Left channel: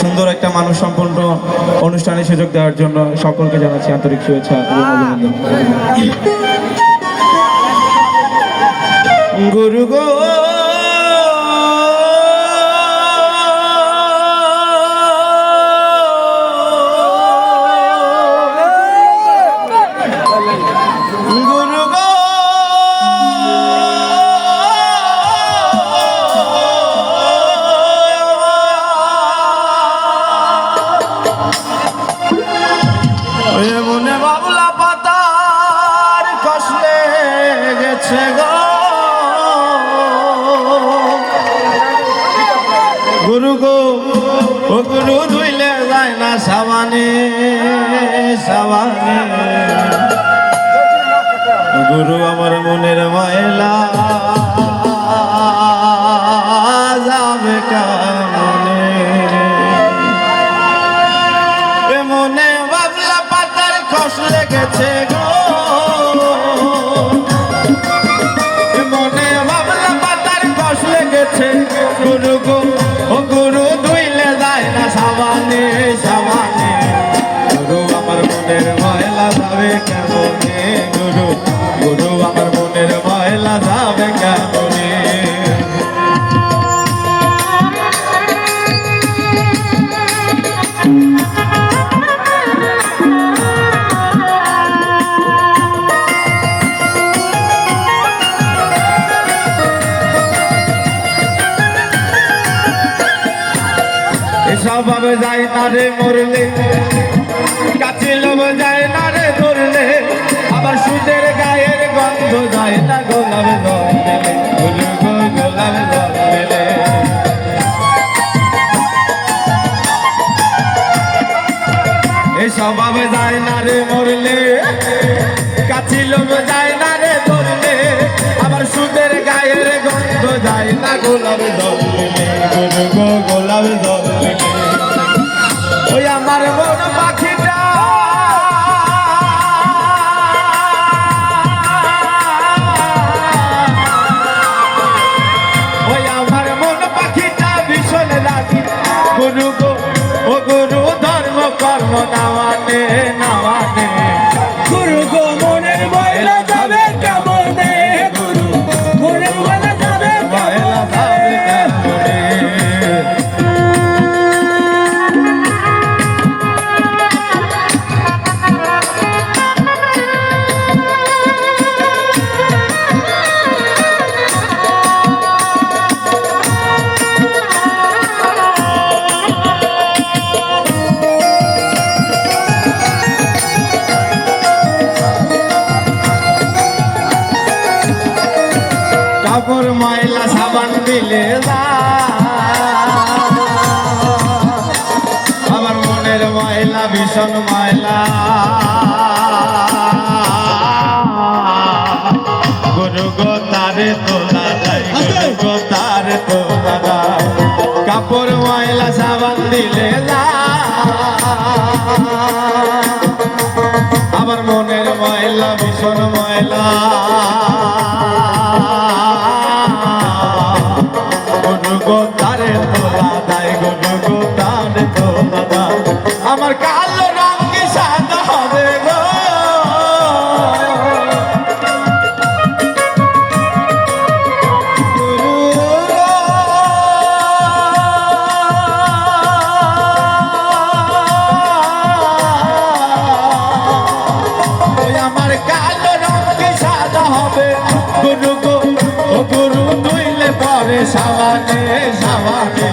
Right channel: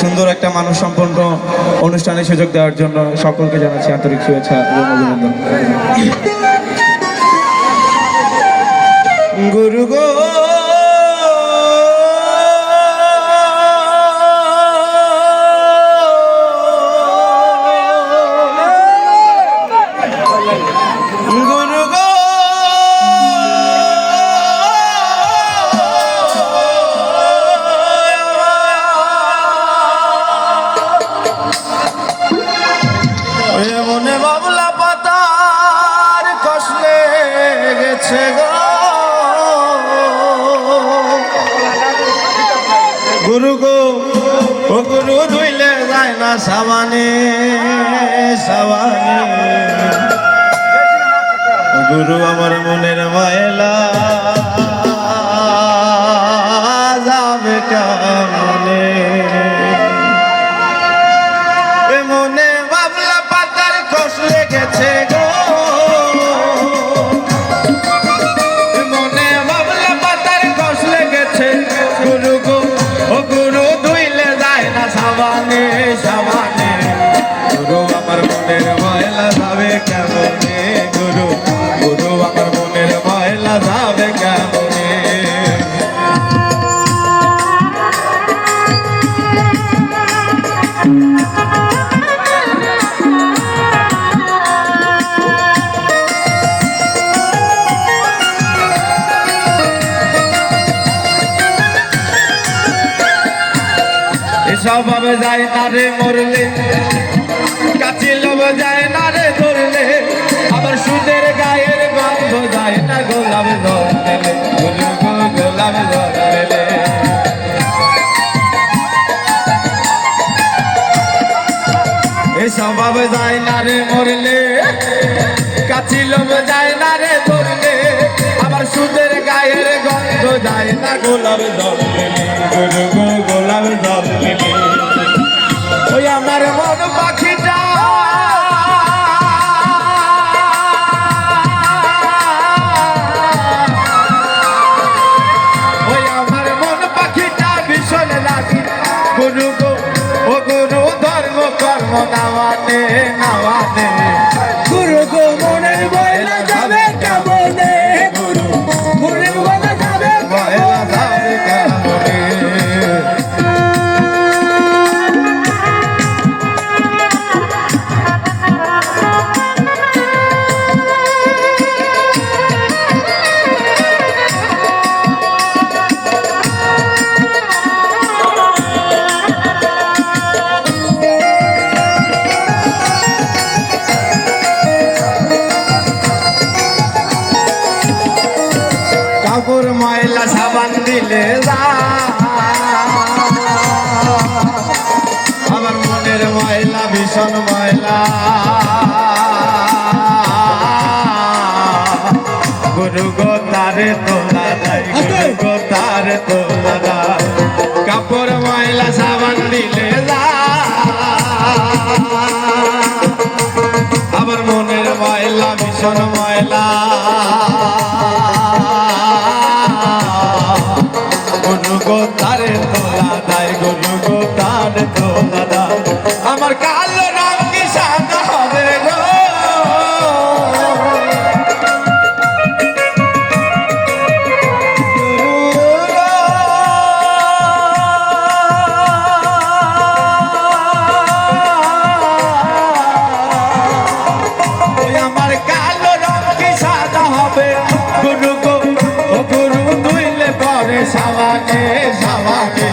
সুন্দর একটা মানুষ সম্পন্ন অনুষ্ঠানের সুযোগ দেওয়ার জন্য সকলকে জানাচ্ছি আন্তরিক শুভেচ্ছা এবং অভিনন্দন। গুরু গো মনে বাবলা পাতার কষ্টে গেছে গো গুরু গো ও গুরু ধুইলে যায় না সাবানে সাবানে গুরু আমার মনের ময়লা যাবে কেমনে মনে বাবলা পাতার কষ্ট লেগেছে গো মনে বাবলা পাতার কষ্ট লেগেছে গুরু গো ও গুরু ধুইলে যায় না সাবানে সাবানে গুরু আমার মনের ময়লা যাবে কেমনে গুরু গুরু আমার মনের ময়লা যাবে কেমনে সবাবে যায় না রে মরলে কাছে লোভ যায় না রে ধরলে আবার সুদের গায়ের গন্ধ যায় না গোলাপে ধরলে গুরু গো গোলাপে ধরলে সবাবে যায় না রে মরলে কাছে লোভ যায় না রে ধরলে আবার সুদের গায়ের গন্ধ যায় না গোলাপে ধরলে গুরু গো গোলাপে ধরলে ওই আমার মন পাখিটা ওই আমার মন পাখিটা ভীষণ লাগে গুরু গো ও গুরু ধর্ম কর্ম নাওয়ানে নাওয়ানে গুরু গো মনের ময়লা যাবে কেমনে গুরু মনের ময়লা যাবে ময়লা যাবে কেমনে কাপড় ময়লা সাবান দিলে আমার মনের ময়লা ভীষণ ময়লা গুরু গো তারে তোলা গুরু গো তারে তোলা কাপড় ময়লা সাবান দিলে আমার মনের ময়লা ভীষণ ময়লা গুরু গো তারে তোলা দায় গুরু গো তারে তোলা দায় আমার কালো রঙ কি সাদা হবে গো আমার কালো রঙ কি সাদা হবে গুরু গো ও গুরু ধুইলে পরে সাবানে সাবানে